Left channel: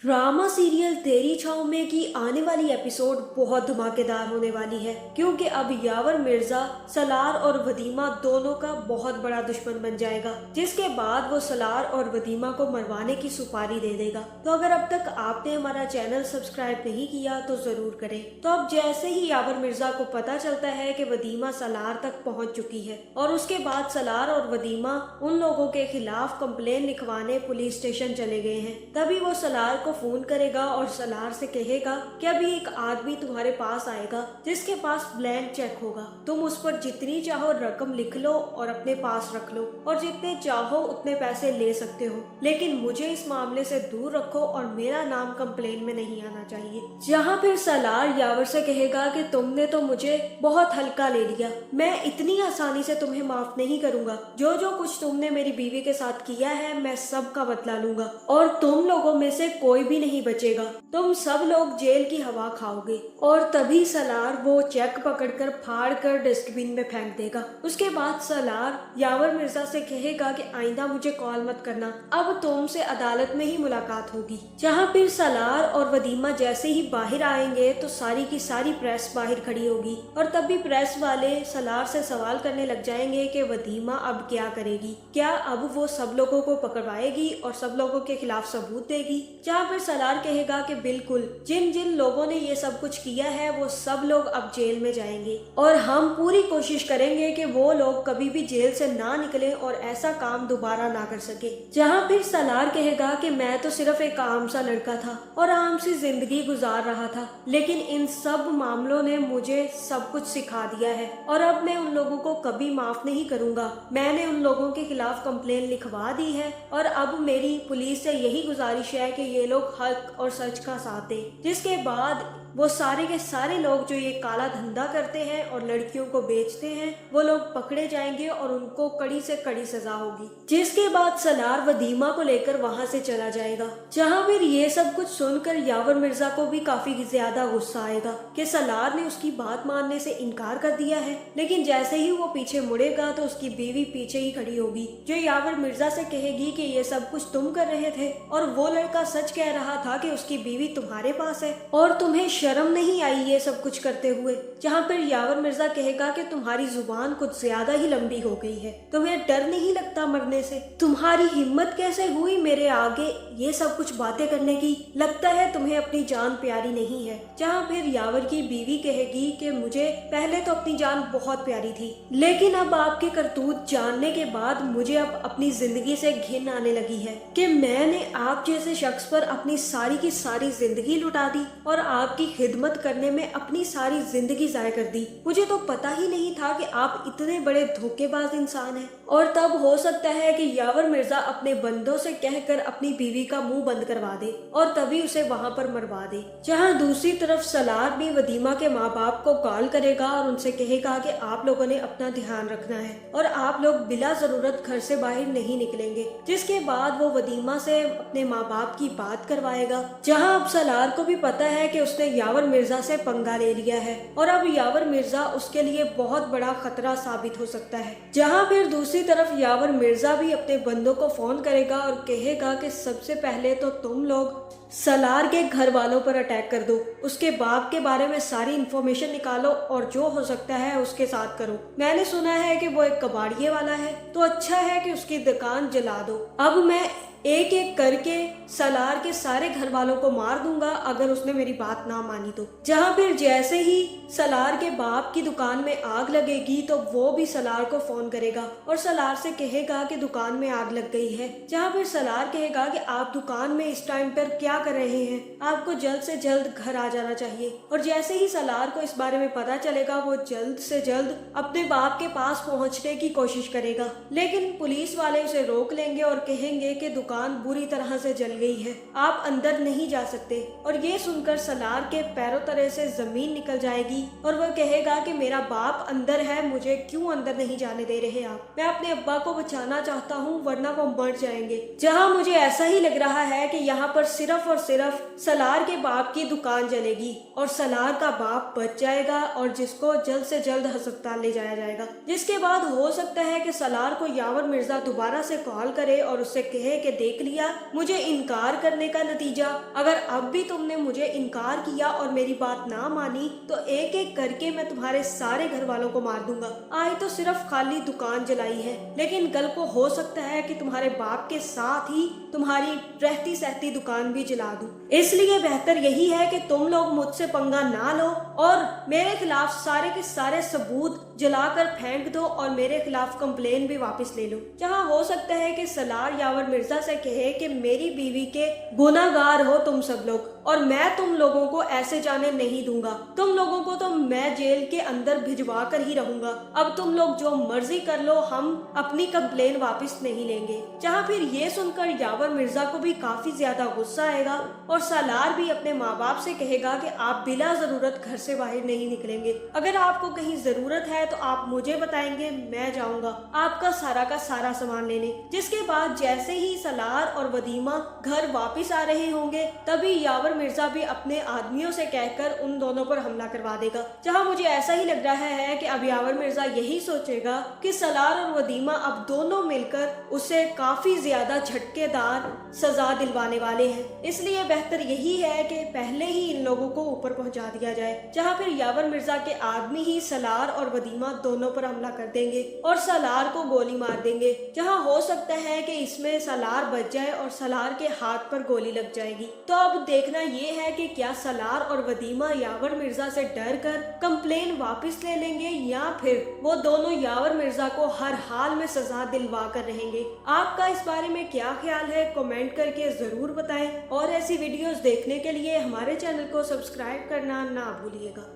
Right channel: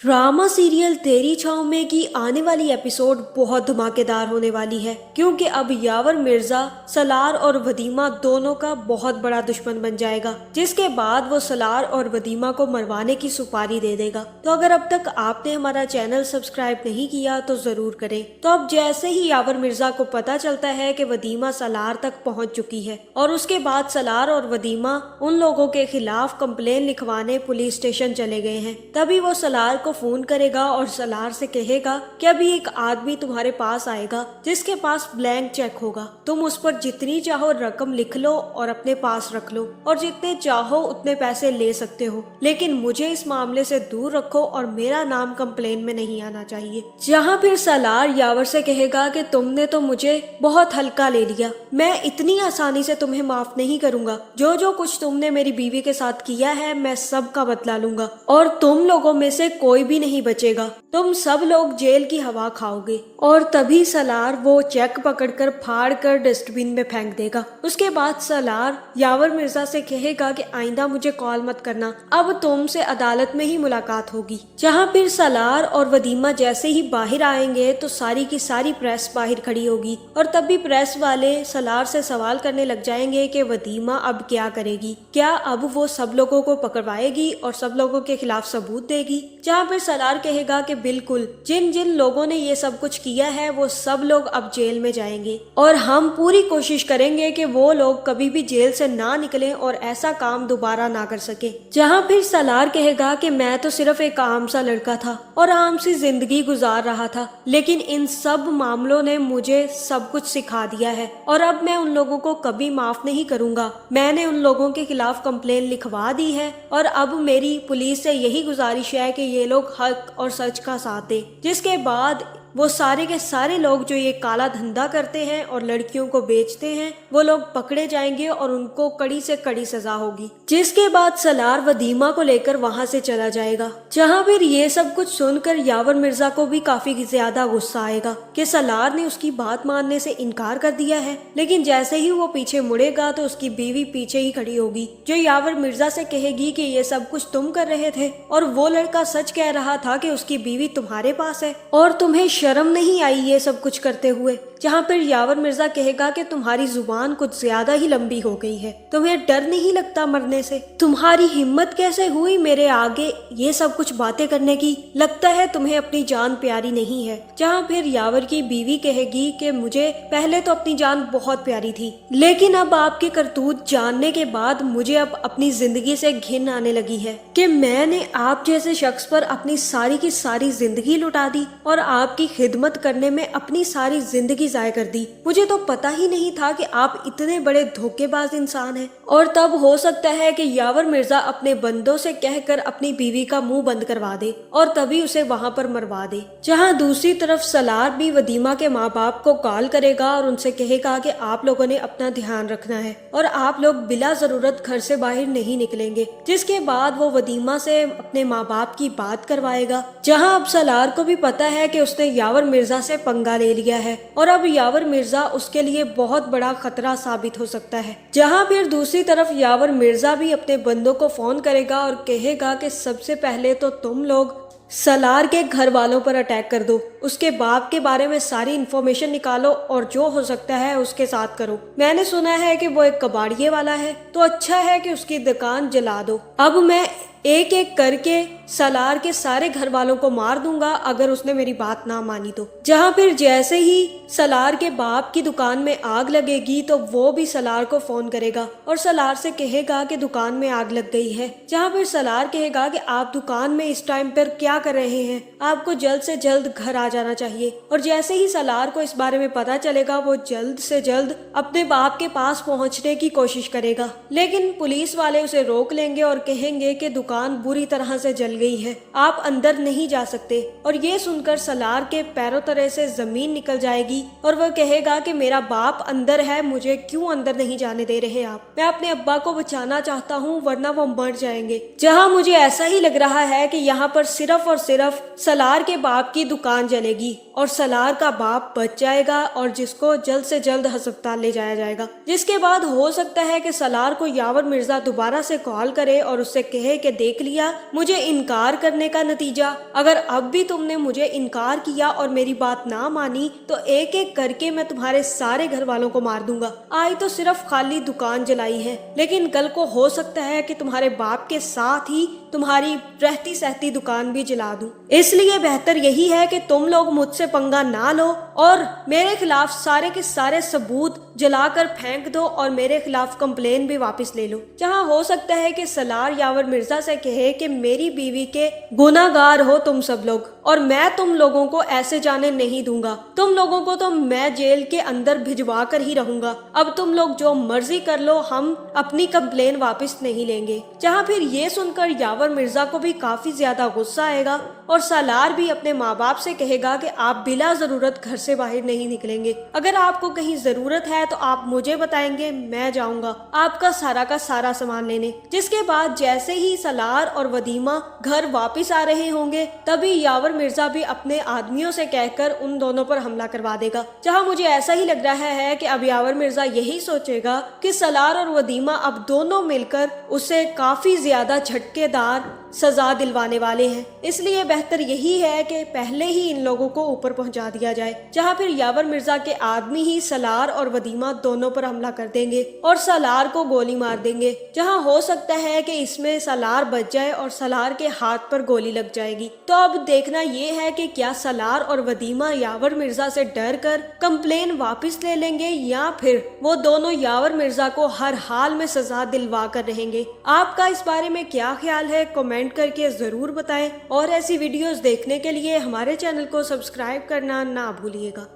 Drama serial तेरी छाँव में की आने वाली एपिसोड बहुत धमाकेदार होने वाली है, क्योंकि अब यावर मिर्जा सलार और वदीमा दोनों का बहुत बड़ा दुश्मन बन जाएगा, जिसके बाद वो सलार और वदीमा को मरवाने की सुपारी दे देगा। तो अगर अब तक आपने हमारा चैनल सब्सक्राइब नहीं किया तो जरूर करें। तो अब जैसे ही यावर मिर्जा को पता चलता है कि वदीमा सलार तक पहुंच चुकी है और उसके बाद सलार और वदीमा उन लोगों के खिलाफ कंप्लेन लिखवाने पुलिस स्टेशन चले गए हैं, तभी वो सलार को फोन करेगा और सलार से कहेगा कि अभी एक आदमी तुम्हारे पास आएगा जिसके पास ब्लैंक चेक होगा, तुम उस पर जितनी चाहो रकम लिख लो और अपने पास रख लो और जितने चाहो उतने पैसे ले सकते हो, लेकिन मुझे इस मामले से दूर रखो और मेरा नाम कंप्लेन में नहीं आना चाहिए। जहाँ फिर सलार यावर से कहेगा कि तुमने तो मुझे बहुत हल्का ले लिया, मैं इतनी आसानी से तुम्हें माफ नहीं करूंगा, जो जो कुछ तुमने मेरी बीवी के साथ किया है मैं सब का बदला लूंगा और तुम लोगों में से कोई भी नहीं बचेगा, तुम सब लोग जेल की हवा खाओगे। और तभी सलार वो चेक पकड़कर फाड़ कर डस्टबिन में फेंक देगा। उसके बाद सलार यावर मिर्जा से कहेगा कि आइंदा मुझे कॉल मत करना, अब तुमसे अदालत में ही मुलाकात होगी। जहाँ फिर सलार और वदीमा जैसे ही बाहर आएंगे तो सारी की सारी प्रेस बाहर खड़ी होगी और तभी प्रेस वाले सलार से सवाल करने लग जाएंगे कि वदीमा अब क्या करेगी, क्या अब वो सब लोगों को पकड़वाएगी और सब लोगों के खिलाफ सबूत देगी। जहाँ फिर सलार कहेगा कि बिल्कुल, जिन जिन लोगों ने ये सब कुछ किया है वो सब लोग अब जेल में जाएंगे और हम पूरी कोशिश करेंगे कि वो लोग कभी भी जेल से ना निकलें और ऐसा काम दोबारा ना कर सके। जहाँ फिर सलार कहेगा कि मैं तो सिर्फ एक आम सा लड़का था और आम सी जिंदगी गुजार रहा था, लेकिन इन सब मामलों ने मुझे सब कुछ सिखा दिया है और अब मैं उन लोगों को कभी माफ नहीं करूंगा। मैंने उन लोगों के खिलाफ कंप्लेन लिखवा दी है और अब मेरी पुलिस से यही गुजारिश है कि ये लोग हक और सच का साथ दे। जिसके बाद वो सारे के सारे लोग जो ये काला धंधा करते हैं और लड़कियों को बेचते हैं वो लोग पकड़े जाएंगे और उनको कड़ी से कड़ी सजा होगी। जिसके बाद सलार वदीमा को लेकर वहां से चला जाएगा। जहां फिर ये सब कुछ सुनकर यावर मिर्जा को भी काफी ज्यादा गुस्सा आएगा कि सलार ने उसकी बात मानने से इनकार कर दिया है, लेकिन जैसे ही वो पीछे मुड़ेगा तो उसकी बीवी पीछे ही खड़ी होगी, जो यावर मिर्जा से कहेगी कि ये सब कुछ तुम कर रहे थे और वो लड़का सच कह रहा था कि उसकी बीवी तुम्हारे पास है और तुम्हें शर्म नहीं आई ये सब कुछ करते हुए। जहाँ पर यावर मिर्जा कहेगा कि तुम्हारी जुबान कुछ ज्यादा ही लंबी हो गई है, तुम्हें डर नहीं लगता मरने से, तुम्हारी हिम्मत कैसे हुई मेरे आगे ये सब कुछ बातें करने की, लगता है तुम्हें अपनी जान प्यारी नहीं है। जहाँ फिर यावर की बीवी कहेगी कि मुझे पहले तो अपनी जान बहुत प्यारी थी, लेकिन अब आपके करतूत जानने के बाद मुझे अब अपनी जिंदगी से घिन आने लगी है कि मैंने आप जैसे शख्स पर अपनी सारी की सारी जिंदगी लुटा दी और आपकी खिदमत करने में अपनी सारी जिंदगी जाया कर दी। मुझे तो पता ही नहीं था कि आप इतने बड़े धोखेबाज इंसान हैं। और तब हो सकता है कि यावर मिर्जा अपने बंदों से कहकर अपनी बीवी का मुंह बंद करवा दे और तभी उसे वहां पर मरवा दे। जहां दूसरी तरफ सलार भी वदीमा के माँ बाप को कॉल करेगा और उनसे कहेगा कि आप लोगों ने अपना ध्यान रखना है और आप लोग बिला जरूरत घर से बाहर नहीं निकलेंगे। जिसके बाद वो वदीमा से अपने माँ बाप की बात करवाएगा। जहाँ अब सलार को भी पता है कि उसने यावर मिर्जा से पंगा ले लिया है और अब यावर मिर्जा उसके लिए बहुत बड़ा खतरा साबित हो सकता है। जहाँ फिर दूसरी तरफ यावर मिर्जा भी अपने बंदों को फोन करेगा और कहेगा कि सबसे पहले तो तुम लोग सलार के घर वालों पर अटैक कर दो, उसके बाप के बारे में सारी इन्फॉर्मेशन निकालो और जो हो सकता है उसके साथ करो। मैंने सुना है कि वो एक कबाड़िए वाला है, तो अच्छा है कि उसकी दुकान जला दो। अब मैं एक एक करके सलार के सारे घर वालों को मार दूंगा अगर उसने मेरी बात ना मानी तो। जहाँ फिर जैसे ही सलार के बाप की दुकान में आग लगेगी तो वो भी सलार को फोन करेगा और सलार से कहेगा कि दुकान में आग लग गई है। जहाँ फिर सलार कहेगा कि आप दुकान में इस टाइम पर क्या कर रहे हैं, आपको जल्द से जल्द घर आ जाना चाहिए। और जैसे ही सलार को इस बारे में पता चलेगा वो जल्द से जल्द अपने बाप के पास पहुँचने की कोशिश करेगा, लेकिन पुलिस वाले उसे रोक लेंगे और कहेंगे कि दुकान बुरी तरह से जल गई है, आप अंदर नहीं जा सकते। और ये सुनकर सलार के पैरों तले से जमीन निकल जाएगी और वह कहेगा कि मेरा बाप अंदर है, मुझे क्यों अंदर नहीं जाने दे रहे आप, मैं अपने अब्बा को बचाना चाहता हूँ वरना वो मर जाएंगे। जहाँ मुझे ऐसा ही लग रहा है कि यहाँ पर सिर्फ और सिर्फ सलार के बाप की दुकान जलेगी और सलार का बाप बच जाएगा और जिसको जल्द से जल्द अस्पताल ले जाया जाएगा। जिसके बाद हो सकता है कि सलार को यावर मिर्जा दोबारा से कॉल करे और उससे कहे कि देख लिया मुझे इनकार करने का नतीजा। अगर अब भी तुमने मुझे इनकार किया और मेरी बात ना मानी तो एक एक करके मैं तुम्हारे सारे घर वालों को मार दूंगा। आज तो सिर्फ खाली दुकान जलाई है, लेकिन कल को हो सकता है कि तुम्हारे बाप के साथ ही तुम्हारी रहती सहती दुकान भी जला दूं। इसलिए बेहतर यही है कि तुम लोग मुझसे पंगा ना लो और मेरे खिलाफ सारे के सारे सबूत जलाकर फेंक दो और मेरे खिलाफ कंप्लेन भी वापस ले लो। जहां हो सकता है कि सलार यावर मिर्जा से कहे कि मेरी बीवी के गुनाहगार हो तुम सब लोग और मैं तुम लोगों को ऐसे जाने नहीं दूंगा। तुम लोगों को तो मैं जेल के अंदर भिजवा कर ही रहूंगा। अब तुम लोग जो मर्जी कर लो, हम अपनी कंप्लेन वापस नहीं लेंगे। जहां फिर ये सुनकर यावर मिर्जा को भी काफी ज्यादा गुस्सा आएगा और सालार भी अपने माँ बाप से कहेगा कि आप बिला जरूरत घर से बाहर नहीं निकलेंगे। अगर आपको कहीं जरूरत है तो आप मुझे बताएंगे, मैं जाऊंगा आपका सारा का सारा सामान लेने। जिसके बाद जैसे ही सलार और वदीमा घर वापिस आ रहे होंगे तभी यावर मिर्जा भी अपने आदमियों से कहकर उन दोनों पर हमला करवा देगा। जहां मुझे ऐसा ही लग रहा है कि अब यावर मिर्जा यही सोचेगा कि सलार और वदीमा अब दोनों मिलकर उसे काफी ज्यादा झटकेदार सजा दिलवाने वाले हैं। इसलिए बेहतर यही है कि पहले ही इन लोगों को ऊपर पहुंचा दिया जाए। जहां फिर यावर मिर्जा के आदमी ही सलार और वदीमा दोनों पर हमला कर देंगे और सलार को गोली मार देंगे। जहां हो सकता है कि इसमें सलार बच जाए और सलार के हाथ पर गोली लग जाएगी। तो अब देखना ये है कि क्या सलार और वदीमा यावर मिर्जा से डर कर कंप्लेन वापस ले लेंगे या फिर वो दोनों यावर मिर्जा को हर हाल में सजा दिलवा कर रहेंगे। आपका इस बारे में क्या ख्याल है कमेंट करके जरूर बताएं और ऐसी वीडियोस देखने के लिए हमारे चैनल को सब्सक्राइब करना ना भूलिएगा।